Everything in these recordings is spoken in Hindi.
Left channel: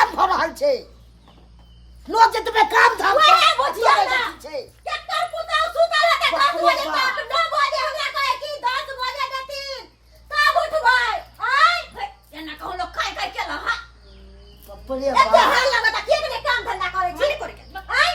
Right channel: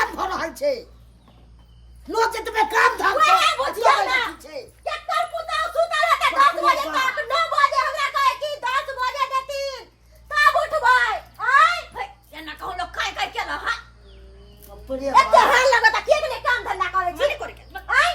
प्रेम भ रहल छै लोग जे तुम्हें काम धाम ओए बुझिया ना केकर पुताव सुतल है 10 बजे तक 9 बजे हमरा कहे कि 10 बजे देतीन तब उठबै आय एना कहू लोग खाय खाय केला हा एते हाल लगता के ने काम धंधा करे छी करे के आय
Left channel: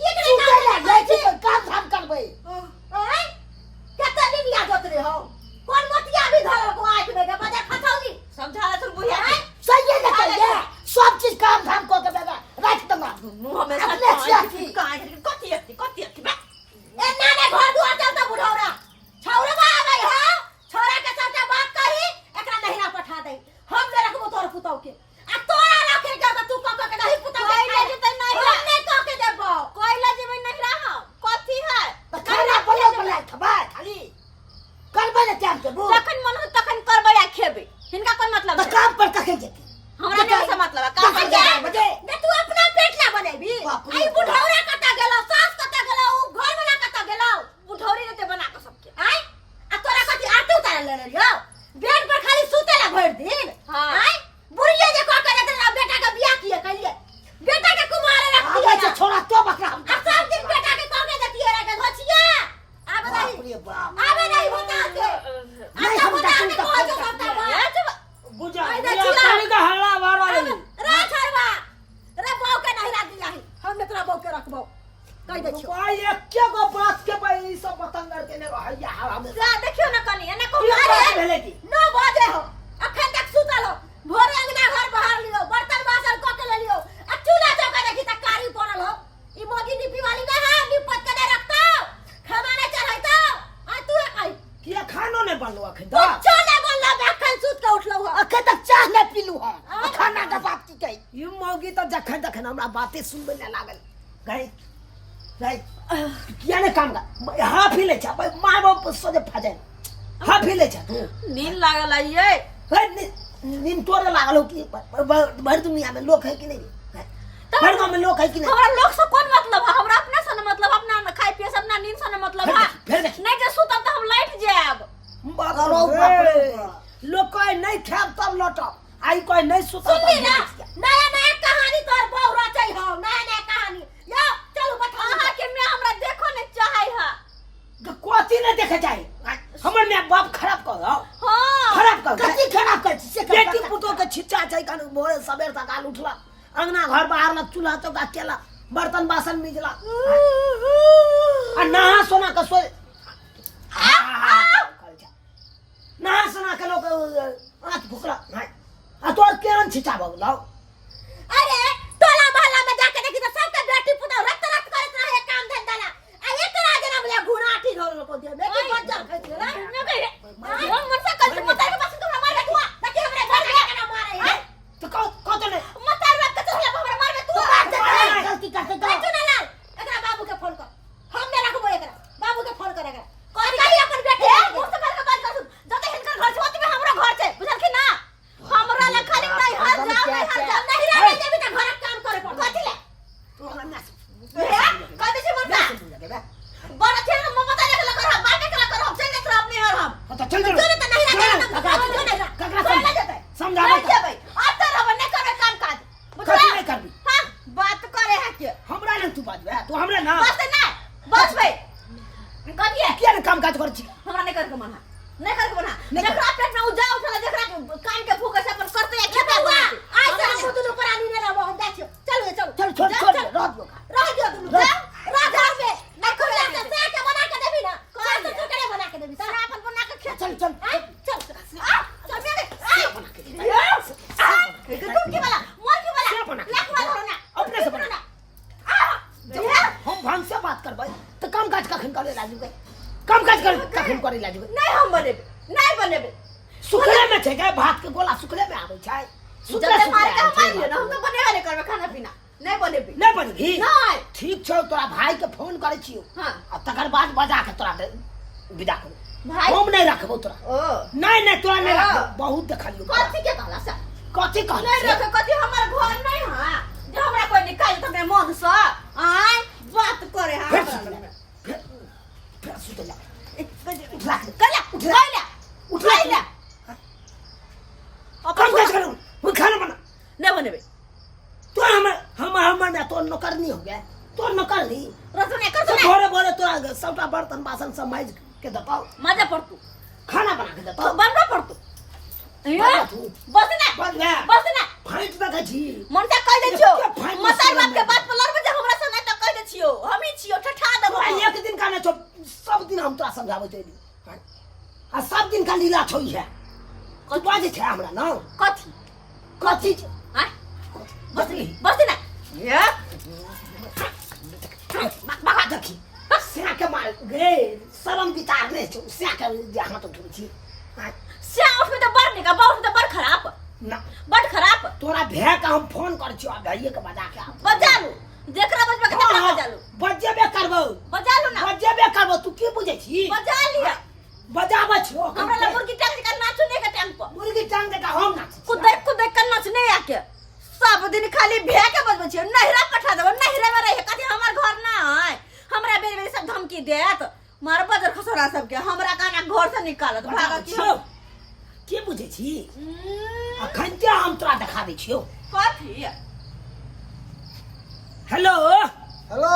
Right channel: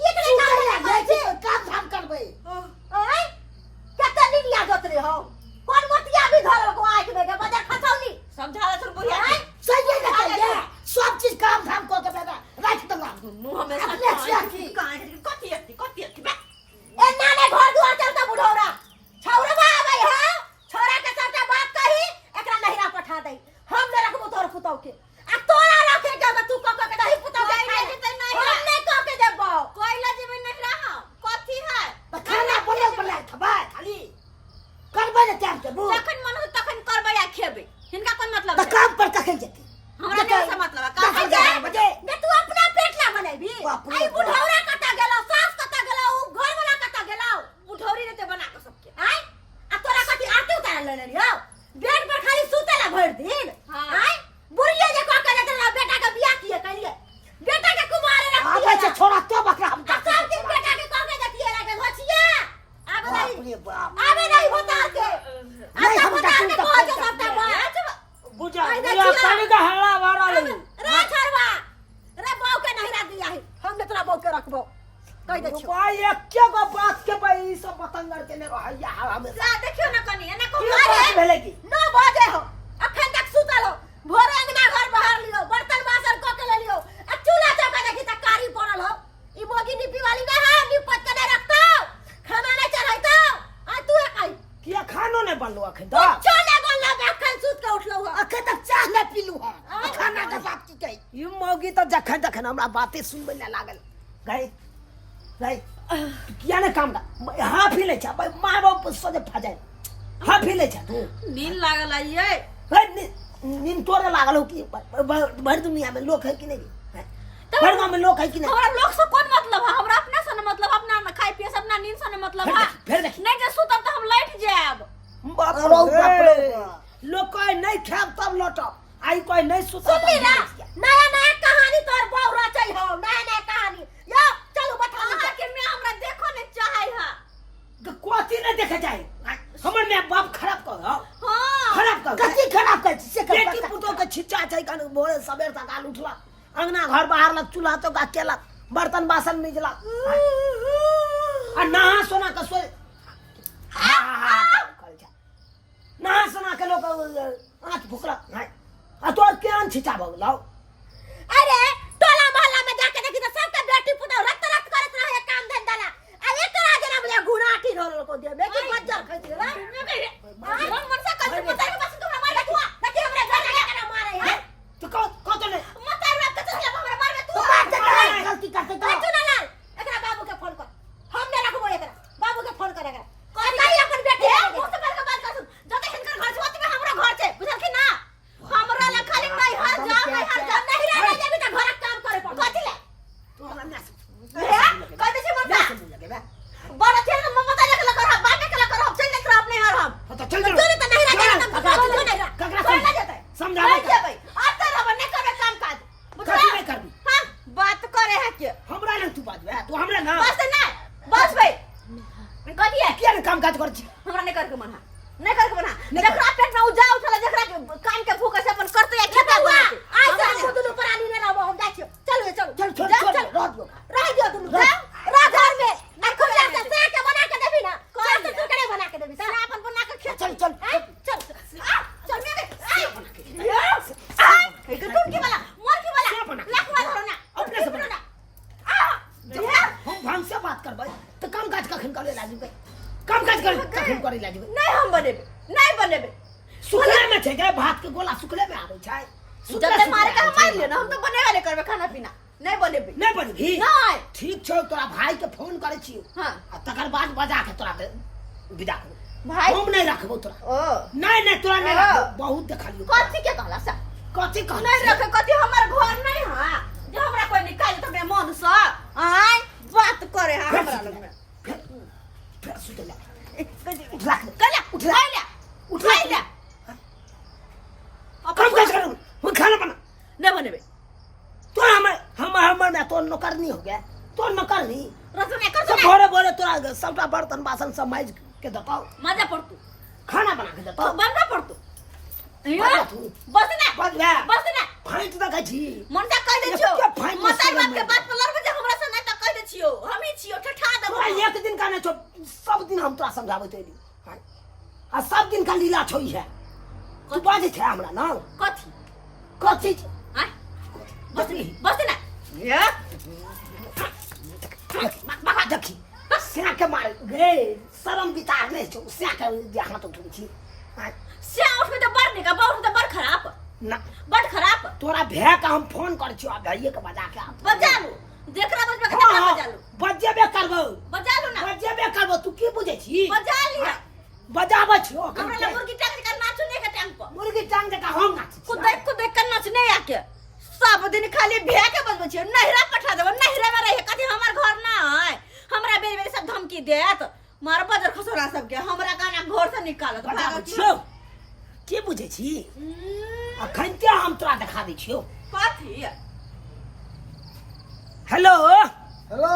के ने काम धंधा करे छी काम धाम करबै आय केते दिन याद होत रे हो कोन मोतिया भी धरल को आंख में बजा खसौली समझाला तुम बुझिया सही है कहिए सब चीज काम धाम को के बेटा राख दूंगा नु हमेशा कथी बे ए नाने घर दुआर चलता बुढ़ौरा छौरा बा गई हो छोरा के साथे बात कही एकरा नहिरा पठा दे हम न रखबो तोर पुतौ के आ तोरा रखे के तू क के नहीं पुतौ के खाई दे नहीं हम नहीं क के देबो कोइला जेबै नहीं रह कथी है त खाना बना खबा खाली करबै न टाइम के बू तखन मन तखन करबै आ खेबै हिनका कोन मतलब त काम पर कखन जेतै हमरा कैसे मतलब है काम बजे दे तू अपना पेट ला बनेबी आई बुढ़ौरा कता गेलो सास कता गेलो उ घर वाला कता गेलो बुढ़ौरी ने ते बना के सबके आई आ तोरा कथि आरती उतार ले रियो बेड पर खाली सुतेला भर दिन आई बुढ़िया जे क के देला बेटा के बियाह किए कइले बेटा के कुमारे रख दिए आगे छोरा तो बकरा हम सब दिन बेटा के क के देतिए रा के घोचिया आबे नहीं बता के नहीं हम डाकू बुझा पानी का हल्ला मारा ले रे छरवा रे बाऊ के नहीं रा दिया है हमने तोरा बाऊ के रखबो कह दे छो भाई एक्के गो बात के भाई सब पतंगर के ने रहैया हमें जा देखियो ना कनी एना को मारे 9 बजे हो अखन तक सुतल हो भोरे अंगना घर बाहर लियो बर्तन बासन क के ले लियो आ चूल्हा चौका देखि त कारी पड़ल हो ई मोगी निपी वाली ना है निपट के नहीं रखतो खाना नहीं चढ़ाइतो आ तू कहि किया खानो नहीं बनलो अखन दा चले बोलला अखन सुत के उठलो हो अखन तक चाह नहीं पीलू है खाना का बात की कही यू मौगी तो जखन जखन हमरा बातें सुनबे न लागल गई किया ने काम का हाफ ही ले जा भाई मार बाप सोजे फजे हाफ ही ले जा तू नींद लागल है ये नींद तोरे लागल हो कि भर दुनिया में लोग है कि नहीं भर गांव में लोग है कि नहीं हमरा लोग से कोन मतलब है हमरा अपना से मतलब अपना खाई पिए अपना नींद से मतलब है फिर देख नहीं जे सुतब त हम लट जाब बाप रे लोग कोई नहीं खाब तब लौटब आई कोई नहीं सुता सुनली ना नया नया कहानी तोर बाऊ रचै हो नया नया कहानी यो चलो बैठा के मैं हमरा देखो ने चाहै है कोती नहीं देखे जाए हमर में बाप खराब कर हां खराब कर कथि खराब कर से बेटी पुतो के छिच्चा छै कन भोरे सवेर सकाल उठला अंगना घर बाहर लग चूल्हा तो का केला बर्तन बासन मिजला आ नहा सोना का सोए नहा सोना के लोग आंख भुकला आ तोर केन छिचा भगलाओ अरे टोला मोहल्ला में जाके देखी तो सबके बेटी पुता रत करत रहे काम धंधा ला आ एक तरह जना बुझा घुराटी ढोल को दे बेटी बच्चा खइते ला न कहे हम मन से कल पुता के पास तो मार देखुआ देखी हमरा घर के ना मारे है तो को तो ने मत रात के चला हमरा मार तू गलती करते तो तू ना लाल एकरा बाबू के फोन कर हम ने रखबो एकरा बाबू के फोन करेगा कहीं अपन बेटी मुझसे पहले के बात कर जते हिनकर घर छोटी में हमरा घर छै बुझल कि ना हमरा ला खाली नहीं हर जा नहीं रह जेबी त घर काम करे पड़ कथि ले तू हमरा ना कह दे छी मत बड़ा खेल में ममता लेके कर बाटे के कर हम चल देख अपने हर हम तो चल जो नहीं नहीं रह ककरा समझा नहीं भाई अब तो रब नहीं करे काम काज कथि नहीं करबी हां बात करे है के हमरा ना तू बात बे तू हमरा ना बस नहीं बस भाई कथि है किया काम काज कर छी हमरा नहीं करके मना नहीं करके बना जकरा पेट में उजा उठला जकरा कान के भूख से अपन करते है खेता हुआ आज से हम दुनु प्राणी ने रहबो हम जाय छी चल छोड़ रह दियो दुनु राजा में नहीं खोला से के बना के देबी ना कौन से करे बना के देबी सारा अपन बना के खे चल चल मेरे के तुम की वाला मोर की वाला लखवा धरो ना अपने से बना हम भंग से बात करबै तो काम काज कखन करे लाजू गए काम काज कर कखन करे लाजू नहीं हम बनेबे सुखले में छै के भात के गोला सुखले में आबै छै जब मारे के हम मार लियो ना हम तो बनेबे नहीं करबे खाना पीना नहीं बनेबे नहीं ठीक छै तोरा भाई के फोन करे छियो हां आ तकर बाद बजा के तोरा विदा करो भाई हम नहीं रखबो तोरा ओ नहीं तोरा नहीं रखबो बहुत देखलियो कथि के कहला सा कथि कह नहीं रखे कथि हमर घर नहीं हां जो हमरा कोई निकाल त मैं मन से आय बात करे हां फिर सुतला उठा ले काम काज करो वो खाना बना नहीं बनेबे तो हमर में तो नौकरनी हो गया तो नौकरनी रसोई कर सब भोरे भोरे तोरा सबटा बर्तन बासन सब माइज के देताओ मजा पड़ तू खाना बना के देताओ बनना पड़ तू बना तू। बस ना बस बे बस ना फाइट देखै छी मन से कह दे छियो एते फाइट मतार मसाला बाप के में। बात पर लड़बे जे हमरा से नहीं त कह दे छियो हम ही छियो ठठा देबो तोरा एक दिन का नहीं छो सब दिन हम तोरा समझाबै छी आ सब दिन का लीला छोई है तू बाजे छै हमरा ना कथी कथी हां बस बस ना ये बाबा देखी सिया के मार गे शरम बितार नहीं छो सिया के हाथ तो धुरी छी से उठे तो बड़ निका बहुत तो बड़ खराब ना बड़ खराब तोरा भे का हम फोन कर छियो भाइये के बजा के बजा लू देखरा बजबा के देखरा बजा लू बजेबे करबो बजा लू ना बजेबे करबो तू की बुझै छी बजा ली बजाबै छियो हमरा ला मुर्गी टांग के नाचो नहीं के टांग पर मुर्गी टांग के हम नाच कुदै के नाच नहीं आके सब दिन खाली भे के बजबै छियो नहिरा पठा देबो नहिरा में रहे कथी हमर घर ना है हमरा बेरी बेरी सब धमकी देत मार बजर खसोरा सब के हमरा काना घर से निकालत भागत छियो की बुझै छी अखन ते हम तोरा देखा दै छियो कथी हेलो हेलो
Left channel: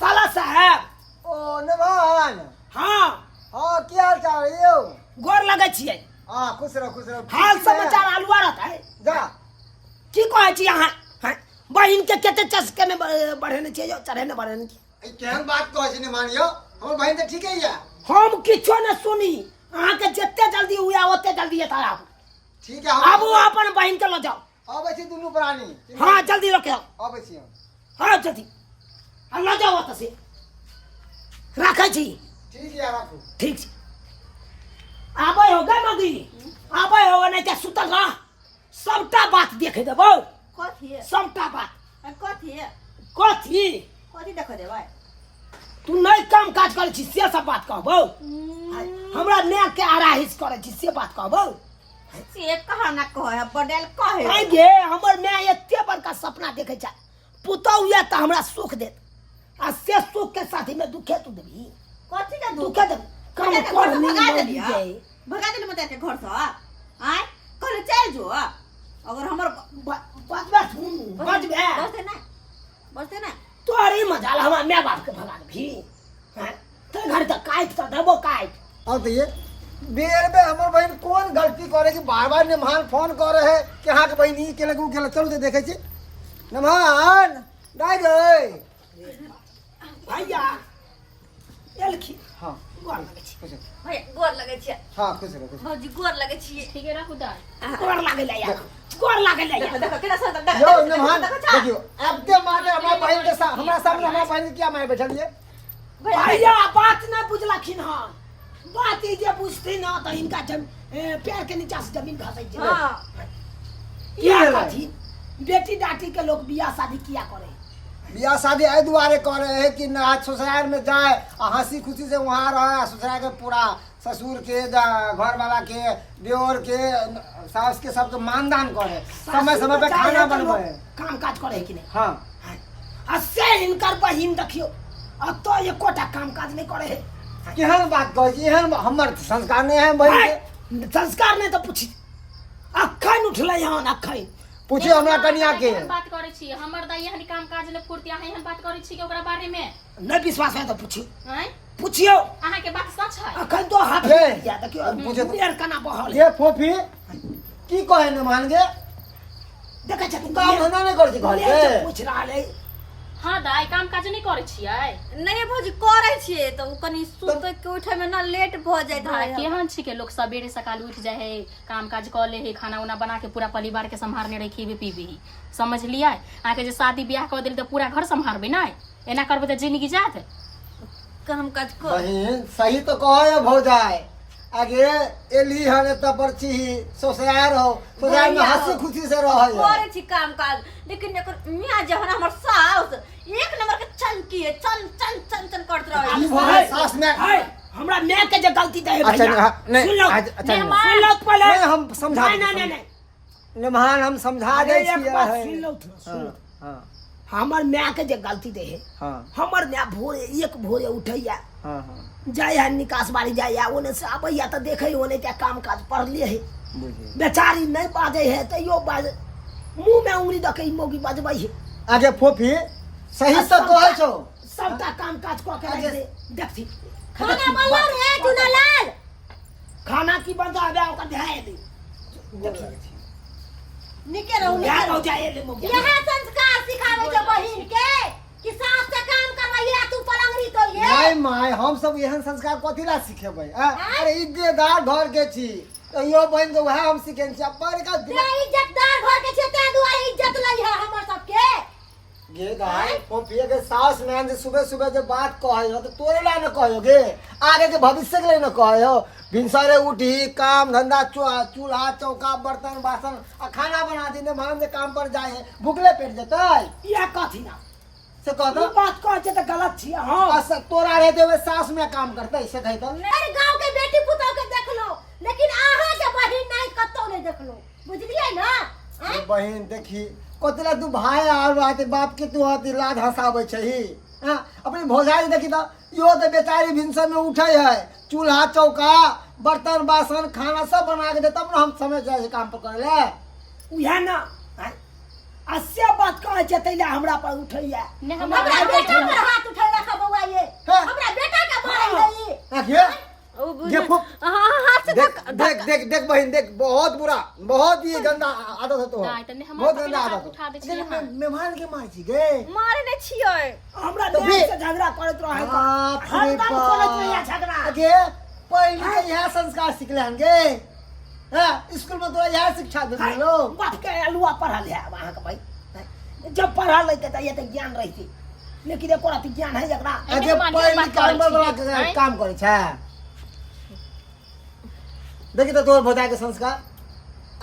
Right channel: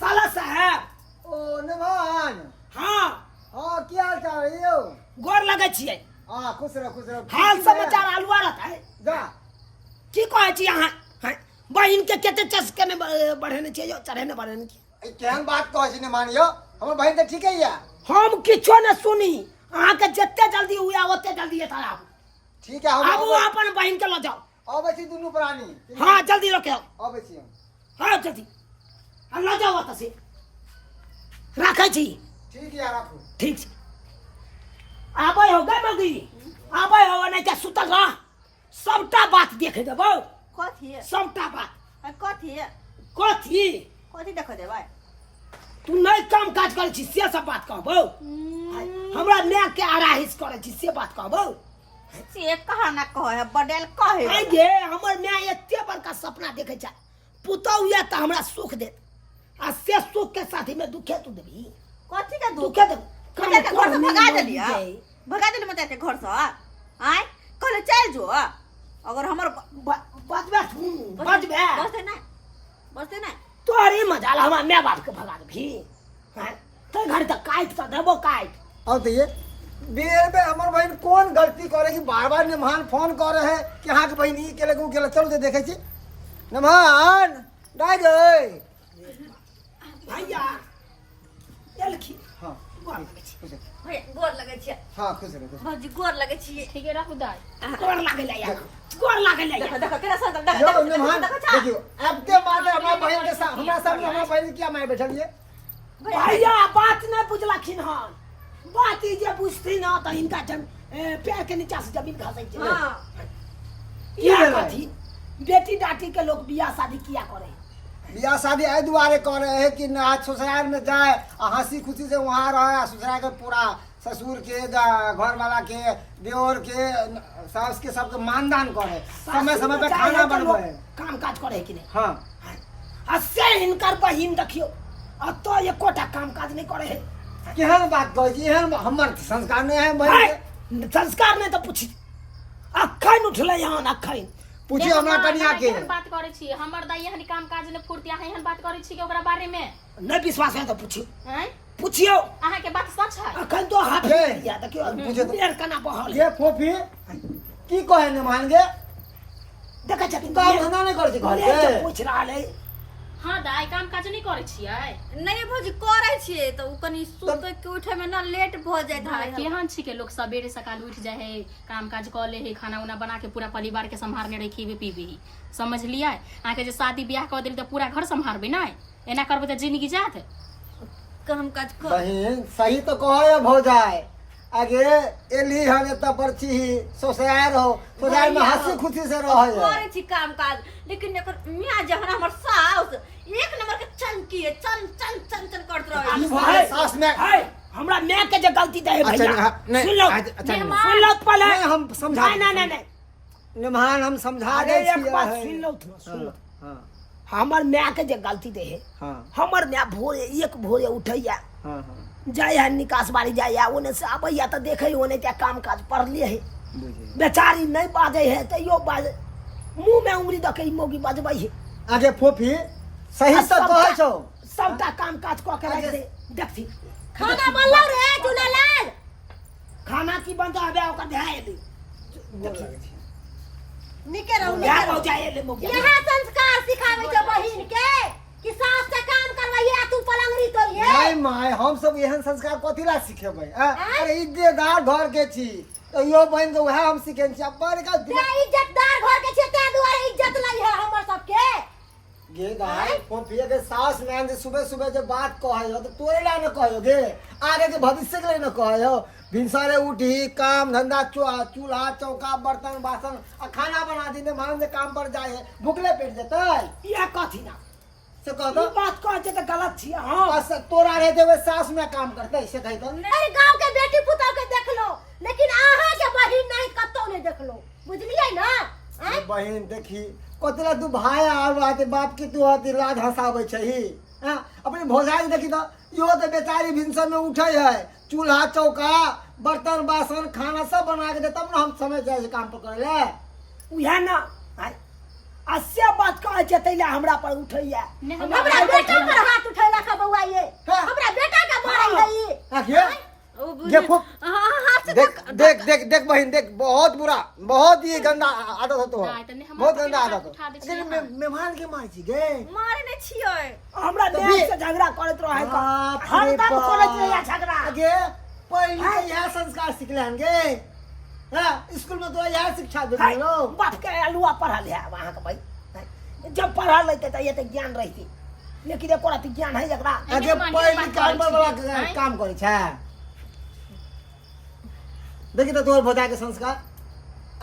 साला साहब ओ नमन हाँ हाँ क्या हाल चाल है यो गोर लगै छियै हाँ खुश रहो हाल समाचार अलुआ रहता है जा की कहै छी अहाँ हैं? बहिन के कते चस्के में बढ़ेने छियै जो चढ़ेने बढ़ेने छियै ए, केहन बात कहै छी ने मानियो हमर बहिन तऽ ठीके यऽ हम किछो न सुनी अहाँ के जते जल्दी हुआ ओते जल्दी एता आबू ठीक है आबू अपन बहिन के ल जाओ अबै छी दुनू प्राणी हाँ जल्दी लेके आओ अबै छी हम हाँ जल्दी ल जाओ ओतऽ से राखै छी ठीक यऽ राखू ठीक छै आबै हो गे मगी आबै हो नहीं तऽ सुतल रह सबटा बात देख देबो कथी सबटा बात कथी कथी कथी देखो दे भाई तू नहीं काम काज करै छी से सब बात कहबो हमरा ने के आराहिस करै छी से बात कहबो से कहा ना कहे बडेल कहे आई गे हमर मां एते बड़का सपना देखै छै पुतौ या त हमरा सुख देत आ से सुख के साथी में दुखे तू देबी कथी के दुख दुखे दे मजा के घर से भगा देली मजा के घर से आय कहले चल जो अगर हमर बजबे बजबे बसते ना तोरी मजाल हमरा माय बाप के भगा देबी हैं ते घर त काट त देबो काट अब तो ये बेर बे हमर बहिन कोन गलती करे कि बार बार निमान फोन करे है कि हाँ के बहिन ई केले के चलू ते देखे छी नमन डाय गई भैया एलखी हाँ गोर लगै छी खुश भैया गोर लगे छी हाँ खुश रहो भौजी गोर लगे छी ठीक है रखू दाई गोर लागै ले यार गोर लागै ले देखो यार देखो केना सा यो नमन देखियो अब के माते हमरा बहिन के साथ हमरा सामने हमरा बहिन के क्या मारे बैठलिए भैया बात नहीं बुझलखिन हन बात ई जे बुझती ना त इनका पैर के नीचा से जमीन खसै छै हां ये कथी बेटी डाटी के लोग बियाह शादी किया करे बियाह शादी एहि दुआरे करे है कि ना ससुराल में जाए आ हंसी खुशी से वहाँ रहे ससुराल के पूरा ससुर के घर वाला के देवर के सास के सबके मानदान करे समय समय पे खाना बनवे काम काज करे है कि नहीं हाँ आ से हिनकर बहिन देखियो आ तो एकोटा काम काज नहीं करे है केहन बात कहै छी एहन हमर संस्कार नहीं है बहिन के संस्कार नहीं तो पूछी अखन उठले यहाँ अखन पूछी हमरा कनिया के बात करै छी हमर दाई एहन काम काज ने फुर्ती अहाँ एहन बात करै छी के ओकरा बारे में नहीं विश्वास है तो पूछियो हैं पूछियो अहाँ के बात सच है अखन तो हाथ हे, या देखियो पूछे तो। बेर कना बहल ये फोफी की कहे न मान गे देखे छथिन काम धंधा नहीं करै छी घर के पूछ रहल है हां दाई काम काज नहीं करै छियै नहीं भौजी करे छिए तो कनी सुत के उठे में ना लेट भ जाय दाई धाय केहन छी के लोग सवेरे सकाल उठ जाए है काम काज कर ले है खाना उना बना के पूरा परिवार के संभालने रही खीबे पीबे ही समझ लिया अहाँ के जे शादी ब्याह कर देल तो पूरा घर संभालबे ना एना करबे तो जिंदगी जात काम काज कर बहिन सही तो कहे भौजाई आगे एली हन एत परची ससुराल हो ससुराल में हंसी खुशी से रहे करे छी काम काज लेकिन एकर मियां जहन हमर सास एक नंबर के चनकी है चन चन चन चन करत रहे ई भौजाई सास में है हमरा मैं के जे गलती दे है अच्छा भैया नहीं सुन लो अच्छा नहीं सुन लो पहले नहीं, हम समझा नहीं नहीं नहीं निमान हम समझा अरे दे एक बात सुन लो सुन लो हां हमर मैं के जे गलती दे है हां हमर मैं भोरे एक भोरे उठैया हां हां जाय है निकास बाड़ी जाय ओने से आबैया त देखे ओने क्या काम काज पढ़ले है बुझे बेचारी नहीं बाजे है तो यो बाजे मुंह में उंगली दके मोगी बजबै है आगे फोफी सही तो कहै छौ सबटा काम काज कऽ के रख दे देखथी खाना बनलो रे चुनालाल खाना की बनता है ओकर ध्यान दे निके रहू क्या निके हो रहू जाए ले मोगी यह संस्कार सिखावे के बहिन के कि सास से काम करवाइए तू पलंगरी तोड़िए नहीं माय हम सब एहन संस्कार कथी ला सिखेबै अरे इज्जतदार घर के छी तो यो बहन के वह हम सिखे छी अब बड़का ते इज्जतदार घर के छे ते दुआरे इज्जत लई है हमर सबके गे गाय पोपिए के सास नैन से सुबह सुबह जो बात कहे हो तो तोरे ला न कहो गे आगे के भविष्य के लिए न कहे हो भिनसारे उठी काम धंधा चूल्हा चौका बर्तन बासन आ खाना बना दी ने मान से काम पर जाए भूखले पेट जतै ये कथी ना से कह दो ई बात कह जे त गलत छी हां बस तोरा रहते हुए सास में काम करते से कही तो अरे गांव के बेटी पुतौ के देख लो लेकिन आहा के बहिन नहीं कतो ने देख लो बुझलिए ना ये बहन देखी कोतला तू भाई आर बात बाप के तू आती लाज हंसाबै छही हां अपनी भौजाई देखी तो यो तो बेचारी भिनसर में उठे है चूल्हा चौका बर्तन बासन खाना सब बना के दे तब ना हम समय जाए काम पर करे ले उहे ना अस्या बात कह जे तैला हमरा पर उठैया हमरा बेटा पर हाथ उठैला का बउआ ये हमरा बेटा का मारल गई आखिए देखो देख देख देख देख बहन देख बहुत ही गंदा आदत है तो बहुत गंदा आदत है लेकिन मेहमान के मार छी गे मारे ने छियै हमरा देह से झगड़ा करत रहे हर बात करत रहे झगड़ा आगे पहले के यह संस्कार सिखलन गे हां स्कूल में तो यह शिक्षा दे लो बाप के अलुआ पढ़ल है वहां के भाई जब पढ़ा लेते त ये त ज्ञान रहिते लेकिन एको रात ज्ञान है जकरा आगे पहले काम वाला काम करे छै देखी तो तोर भौजा के संस्कार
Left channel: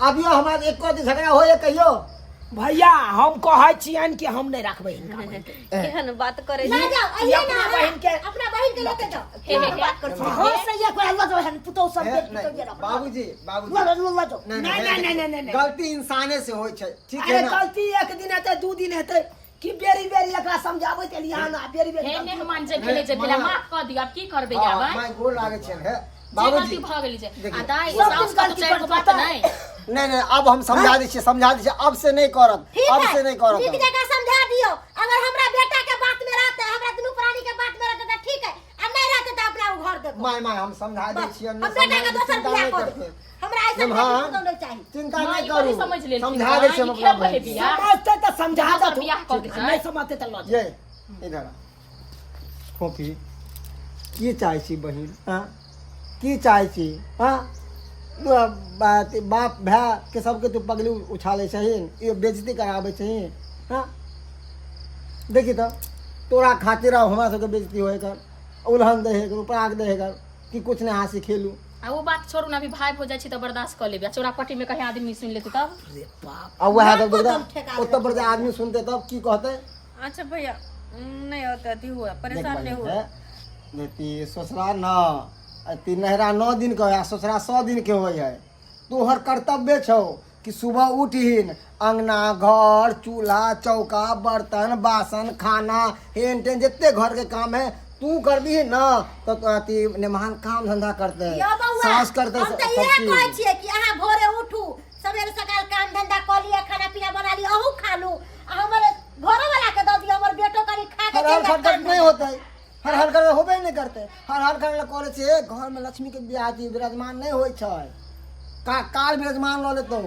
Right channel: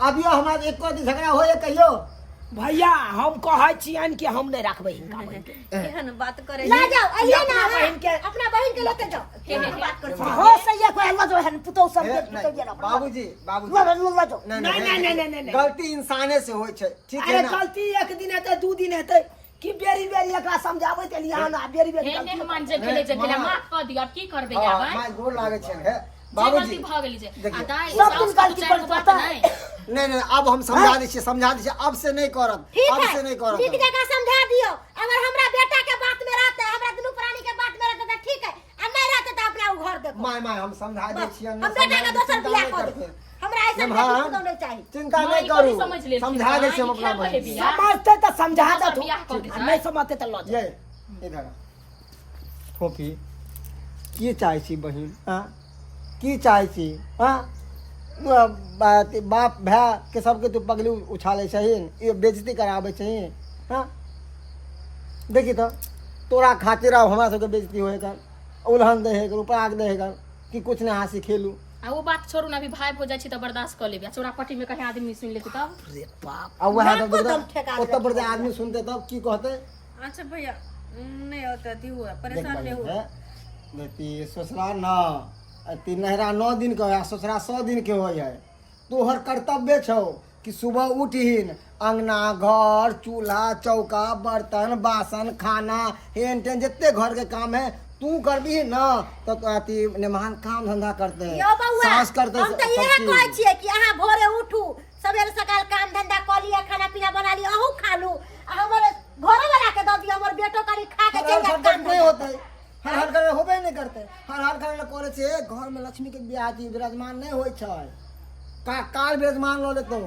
अभियो हमारा एक को झगड़ा होए कहियो भैया हम कहै छियन कि हम नहीं रखबै इनका बहन के केहन बात करे ले जाओ आइए ना बहन के अपना बहन के लेके जाओ बात कर हो सही है कोई हलवा जो है पुतो सब के पुतो जे रखो बाबूजी नहीं गलती इंसाने से होय छै ठीक है ना गलती एक दिन हेतै दू दिन हेतै कि बेरी बेरी एकरा समझाबै त लिया ना बेरी बेरी हे मेहमान जे भेले जे दिला माफ क दिया की करबे आबा माय गोर लागे छै है बाबूजी बाबूजी भ गेली जे देखिए, आ दाई सब दिन गलती पर पता नहीं नहीं अब हम समझा दी छी अब से नहीं करब अब से नहीं करब ठीक जगह समझा दियो अगर हमरा बेटा के बात में रहते हमरा दुनू प्राणी के बात में रहते त ठीक है आ नहीं रहते त अपना घर देखो माय हम समझा दै छी हम बेटा के दोसर बियाह कर दे हमरा ऐसा नहीं चाहिए चिंता माय नहीं को भी करू समझ ले समझा दै छी हम अपना बहन के। समझते त समझा दे तू बियाह कऽ के नहीं समझते त ल ये इधर खोपी की चाहे छी बहिन हां की चाहे छी हां बाप भाई के सबके तू पगली उछाले छही ये बेइज्जती करावे छही हां देखी तो तोरा खातिर हमरा सबके बेइज्जती होए कर उल्हन दे है रुपया दे है कि कुछ नहीं हासी खेलू आ वो बात छोड़ू ना अभी भाई हो जाय छी त बर्दाश्त कर लेबे चोरापट्टी में कहीं आदमी सुन लेते तब रे बाप अब वह तो उत्तर प्रदेश आदमी सुनते तब की कहते अच्छा भैया नहीं होता थी हुआ देख परेशान भाई नहीं हुआ है बेटी ससुराल न ती नहरा 9 दिन के है ससुरा 100 दिन के होय है तोहर कर्तव्य छौ कि सुबह उठहीन अंगना घर चूल्हा चौका बर्तन बासन खाना हेन टेन जितने घर के काम है तू करबी न तो अति मेहमान काम धंधा करते हैं यो बउआ सास करते हम त सब इहे चीज। कहै छियै कि अहाँ भोरे उठू सबेरे सकाल काम धंधा क लिया खाना पीना बना लिया अहू खा लू आ हमर घरो वाला के द दियो हमर बेटो करी खा के हर चल हर जाता नहीं होता है हर घर होबे नहीं करते हर घर करे छे घर में लक्ष्मी के बियाह दी विराजमान नहीं होय छै का काल विराजमान ल लेतो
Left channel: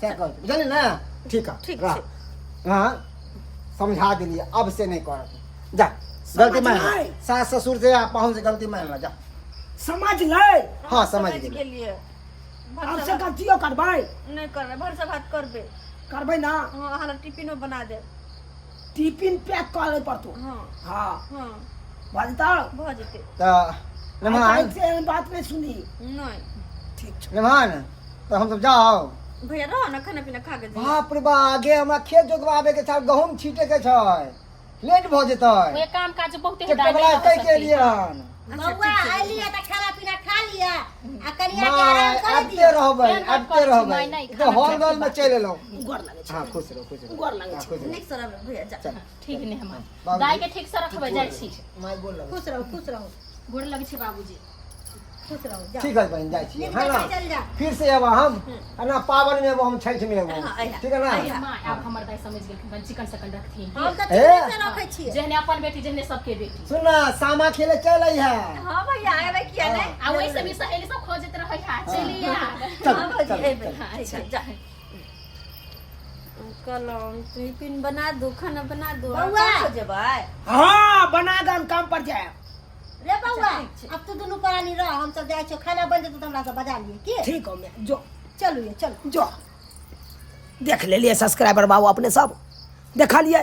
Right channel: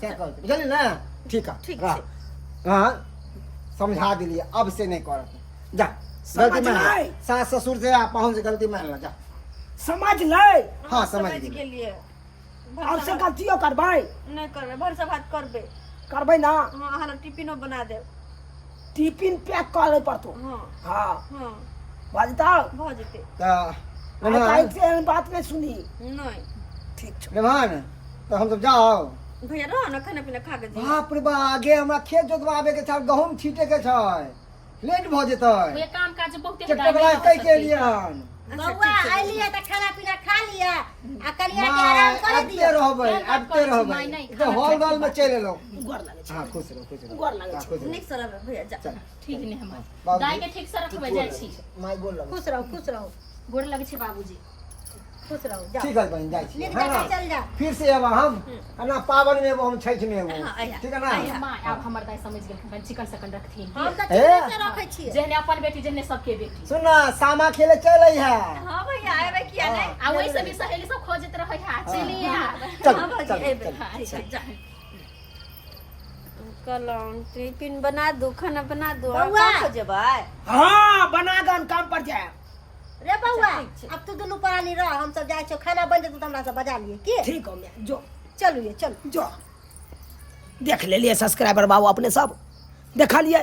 से कह बुझली ना ठीक है ठीक हां समझा दिलिए अब से नहीं करत जा गलती मान ले सास ससुर से आप पाहुन से गलती मान ला जा समझ ले हां समझ के गेली लिए अब से गलतियों करबै नहीं करबे भर से बात करबे करबै ना हां हमरा टिफिनो बना दे टिफिन पैक कर ले पड़तो हां हां हां बाजता भ जेते त मेहमान से बात नहीं सुनी नहीं ठीक छै मेहमान तो हम सब जाओ भैया रहो ना खाना पीना खा के जाइए बाप रे बा आगे हमरा खेत जोतवाबे के छ गहूम छीटे के छ लेट भ जेतै ये काम काज बहुते चट्टा बला कह के लिए हन बउआ आइलिए त खाना पीना खा लिया आ कनिया के आराम कर आबते दियो रहबै तो हॉल वाल में चले लो गोर लागे छै हां खुश रहो गोर लागे छै खुश रहो निक सरब भैया जा ठीक नहीं हम बाबूजी। दाई के ठीक से रखबे जाय छी माय बोल लगे खुश रहो गोड़ लगे छी बाबूजी खुश रहो जाओ ठीक है बहन जाए छी नींद है ना चल जा फिर से अब हम है ना पावन में अब हम छठ में अब हाँ, अइहा। ठीक है ना माँ अब हमर दाई समझ गेलखिन चिकन सकन रखथिन हम तो ए। ठीक से रखे छिए जहने अपन बेटी जहने सबके बेटी सुन ना सामा खेले चल आई है हां भैया आए किया नहीं आ वही से भी सहेली सब खोजत रहे है चलिए चल हाँ, चल भौजी, चल अच्छा जा कलम टिफिन बना दो खाना बना दो बउआ। हो जबाय हाँ बना गन काम पर जाए रे बउआ अब तू दुनू परानी रह हम सब जाय छो खाना बन जेतौ त हमरा सब बजा लिए की ठीक हो मैं जो चलू ये चलो जो देख ले लिए सब्सक्राइबर बाबू अपने सब देखा लिए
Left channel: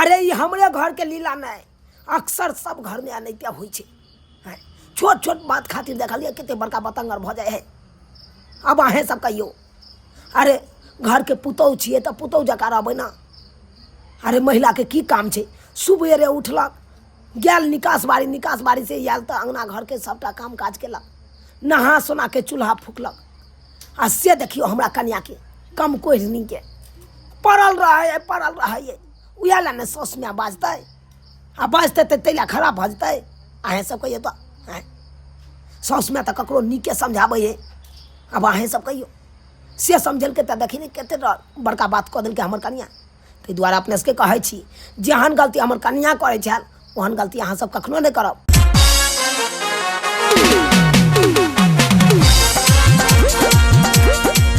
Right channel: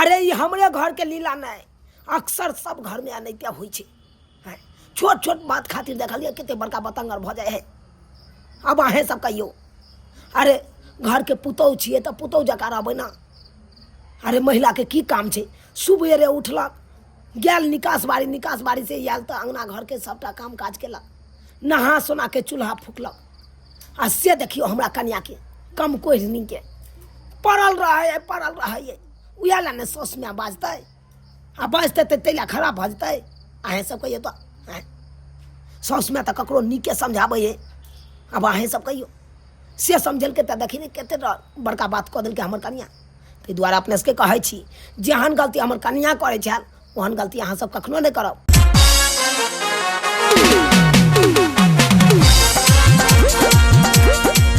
अरे ये हमरे घर के लीला नहीं अक्सर सब घर में अनैतिया हुई छे हैं। छोट छोट बात खातिर देख लिए कितने बड़का बतंगर भ जाए है अब अहें सब कहियो अरे घर के पुतौह छिए तो पुतौह जका रहबै ना अरे महिला के की काम छे सुबेरे उठलक गेल निकास बाड़ी से आयल तो अंगना घर के सबटा काम काज केलक नहा सोना के चूल्हा फूकलक आ से देखियो हमरा कन्या के कम कोहनी के पड़ल रहे उहे ला ने सौस में बाजतै आ बाजतै तऽ तैला खराब भऽ जेतै अहें सब कहियो तो सौस में तो ककरो नीके समझाबै है अब अहें सब कहियो से समझलकै तऽ देखी कते बड़का बात कऽ देलकै हमर कन्या ताहि दुआरे अपने सबके कहै छी जेहन गलती हमर कन्या करै छल ओहन गलती अहाँ सब कखनो नहि करब